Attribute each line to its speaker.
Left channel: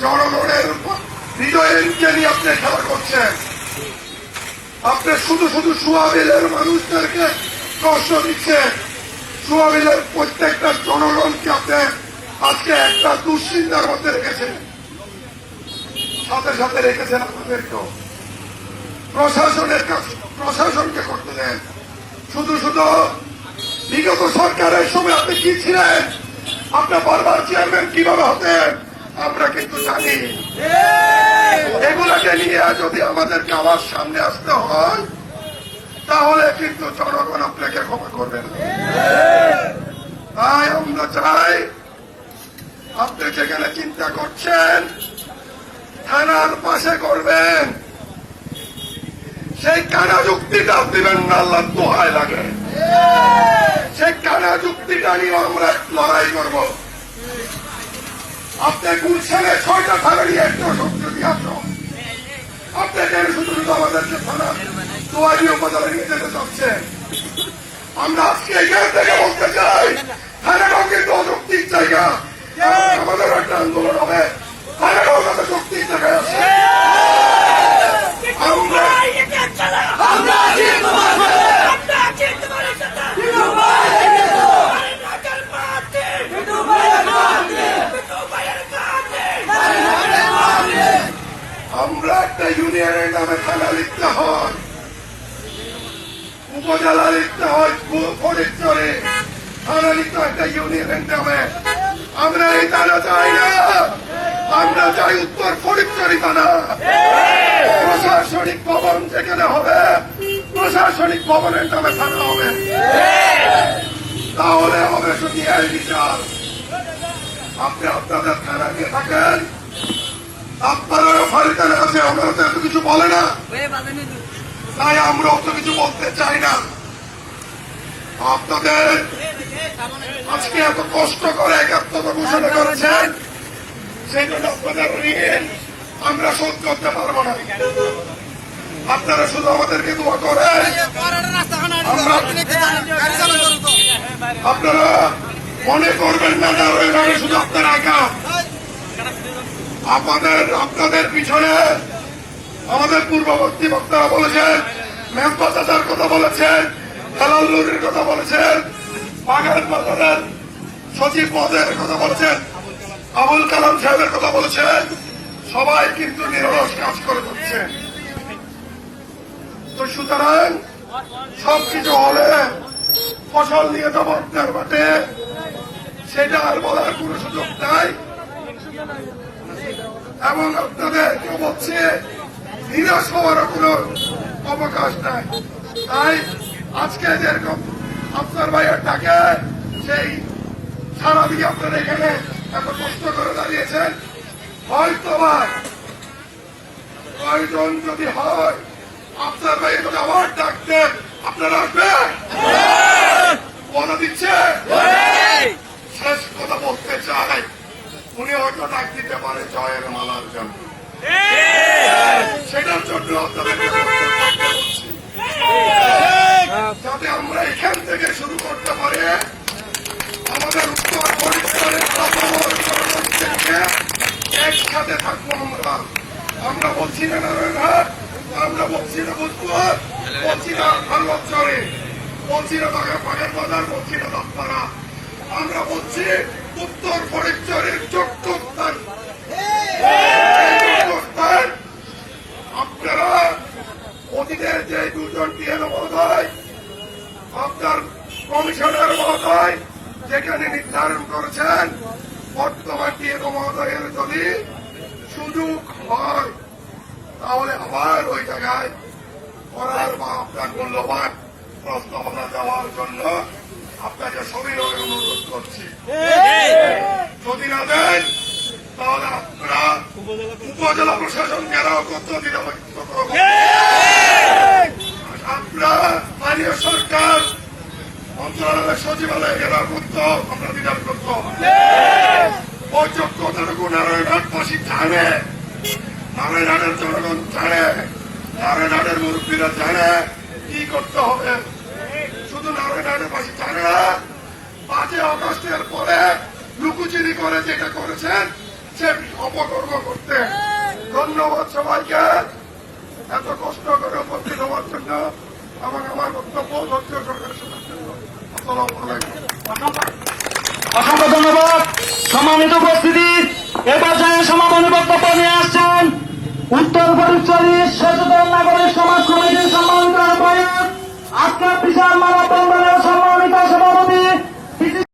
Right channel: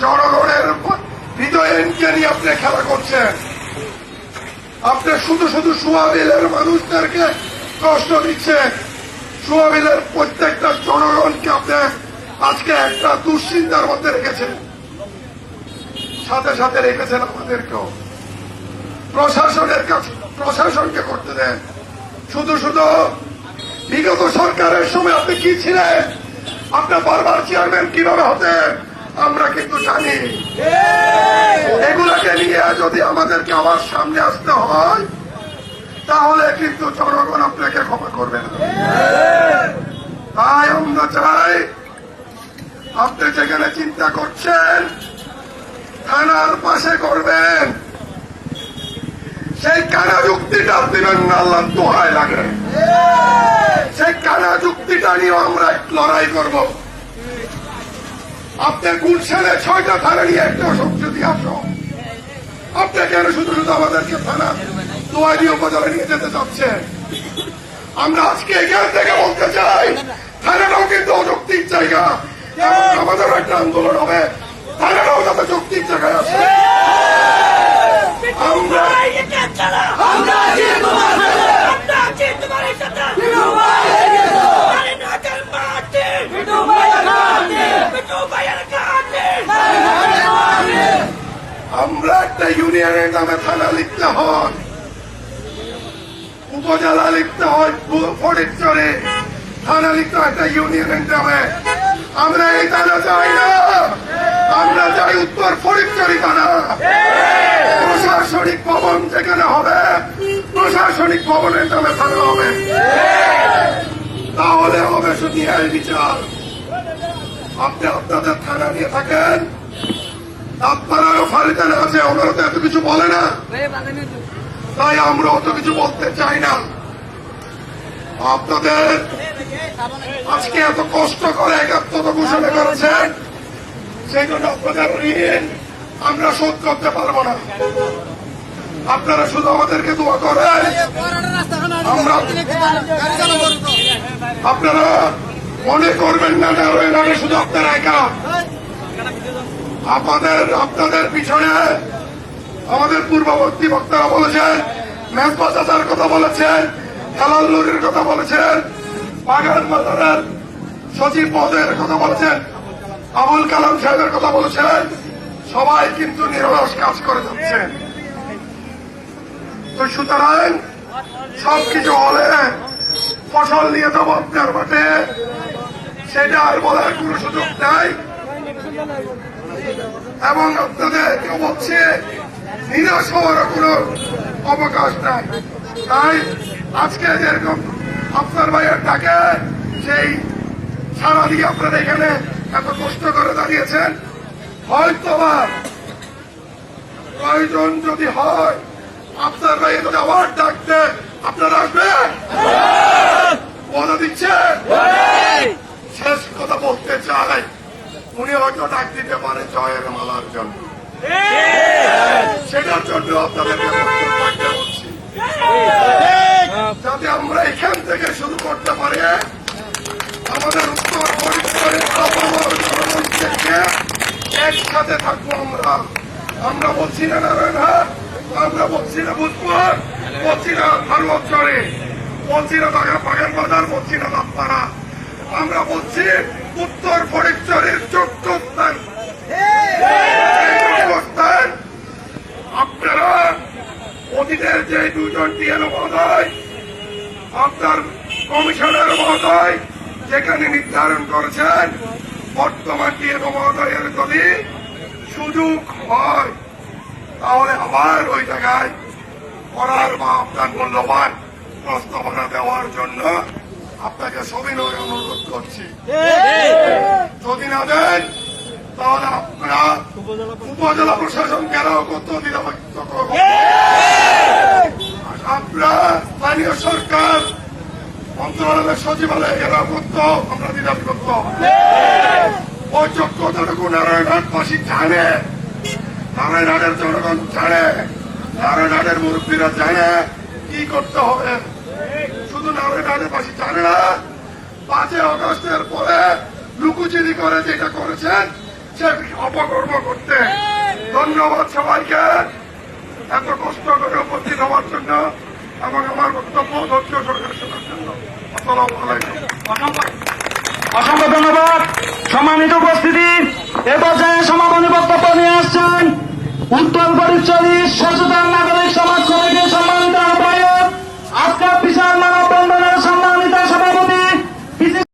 Speaker 1: জনগণের হৃদয়কে নিয়ে আপনি খেলা করছেন। আপনি শুধু শুধু সোয়াবিলের মানুষদেরকে কষ্ট দিচ্ছেন। সোয়াবিলের প্রত্যেকটা জনগণকে আপনি আজকে একটা দুশ্চিন্তার মধ্যে রেখেছেন। সাথে সাথে রেখেছেন আমাদেরকেও। প্রশাসনের কাছে প্রশাসনকে করতে দেন। শুধু শুধু বিগত সরকারের সময় আপনি কি ছিলেন? আপনার বারবার চেয়ারম্যান কীভাবে হতেন? আমরা কিন্তু জানি। এগুলোকে নিয়ে যদি আমাদেরকে আবার সামনে আসতে হয় তাহলে কিন্তু জনগণ আপনাকে ক্ষমা করবে না। তাই আমরা চাই আপনি যেখানে চিন্তা করছেন থানার পাশে করবেন। সেই কারা যুক্তিটা দিবেন না আল্লাহ দোহায় লাগে। সেই কারা যুক্তিটা নিয়ে আমরা লড়াই করব। আপনি গুলশানে ছয়টা থানা নিয়ে একটা শক্তি আসো। আপনি কেন শুধু শুধু আমাদেরকে থানা দোয়ারি উপজেলা নিয়ে যেতে চাচ্ছে আমরা আজকে এখান থেকে বলতে চাই থানাটাও কিন্তু অশক্তির জায়গা আমাদের একটা আন্দোলন হবে। আমরা একটা ইউনিয়নের নামে থানা লিখতে হয়। উপজেলা লিখতে হয় ফরিদচরে থানা লিখতে হয় একটা ইউনিয়নের নামে। আমরা এই থানা চাই না। আমরা চাই উত্তর ফরিদচরি থানা। প্রশাসনিক ভবন যেখানে হবে, প্রশাসনিক ভবনের নামে থানা হবে। তাহলে হবে শুধু বিচার। আপনি আপনাদের থানা নিয়ে থাকেন। আপনারাও ফারিদানে আছে ওনারা তো এত কিছু বলে না। তাই আমরা অত কিছু বলতে চাই না। আপনাদের আজকে এত কষ্ট করে একাত্মতা ঘোষণা করেছেন সেই জন্য আপনাদের ঋণ আমরা শোধ করতে পারব না। আপনারা শুধু আমাদেরকে দোয়া করেন। আপনারা মনে করবেন না শুধু আপনারা একা। আমাদের আপনাদের পিছনে আমাদের পূর্ববর্তী বক্তারা বলেছেন মেম্বার দাদার কথা বলেছেন, দালাল নদীর কথা বলেছেন, বাগান বাজারের সচিব পদের কথা বলেছেন, আবুল কালাম সাহেবের কথা বলেছেন, সবাই কিন্তু নিরলস কাজ করে যাচ্ছে। তো সুতরাং সবকিছু হলে ফসল নিয়ে যাব আপনার মাঠে, সেটা আর বলার কোনো সুযোগ নাই। এবং আপনাদের কেউ বলছে নিরাশ হওয়ার কোনো অবকাশ নাই তাই আজকে যেরকম আপনার ভাইয়ের ডাকে সেই সারা দিয়ে আপনারা এখানে এত কষ্ট করে দাঁড়িয়েছেন। হয়তো বা প্রয়োজন যদি হয় আপনার ভাই যদি আবার ডাকতে আপনারা আসবেন? কথা দিচ্ছে। শেষ কথা বলতে চাই। উনি হয়তো ডাক দিতে পারে জয়ের মালার জন্য। সেটার জন্য আপনাদেরকে যাতে আমরা এখান থেকে শুরু করতে পারি। আমাদের উত্তর পরিষ্কারের একসাথে থাকব আমরা। আমরা বলছি না নারায়ণহাট আমরা বলছি না ভূতপুর, বলছি না ভারবৎসরে বলছি না বাগান বাজার বলছি না আমরা বলছি উত্তর স্থান। স্থান। আপনারা অতীতের যে দুজন টিএল মহোদয়, আপনার কমিশনার মহোদয় যেখানে নির্ধারণ করেছেন, বর্তমান টিএল মহোদয়ের যদি সুযোগ হয়, তাহলে আবার ওই জায়গায় করার বা আপনার মূল্যবান প্রস্তাবনা দেওয়ার জন্য আপনাকে সবিনয় অনুরোধ করছি। যদি না দেন তাহলে আপনারা উপজেলা প্রশাসন কেরাও করতে নিরাপত্ত করব। আপনারা স্থানীয় সরকার মন্ত্রণালয়ের সচিবালয় ঘেরাও করতো আমরা বিধান করতো ওই যোগ্যতাটুকু নারায়ণহাটবাসী জানে নারায়ণহাটের জনগণ জানে নারায়ণহাটের মুরব্বীরা জানে কি করতে হবে। শুধু নারায়ণহাটের বাসী জানে না পাঁচই অগস্টের পরে লুকুচুরি করে যেটা করেছেন, সে অপকর্ম করতে। ধন্যবাদ সবাইকে। এত কষ্ট করে উপস্থিত হওয়ার জন্য এবং আমার বক্তব্য ধৈর্য সরকার শোনার জন্য। আসসালামু আলাইকুম।
Speaker 2: অসংখ্য ধন্যবাদ। সম্মানিত উপস্থিতি, এ পর্যায়ে সমাপনী বক্তব্য নিয়ে আসছেন উত্তর পরিচয় সচেতন নাগরিক সমাজ কমিটির সম্মানিত আহ্বায়ক আজকের বিশাল মানব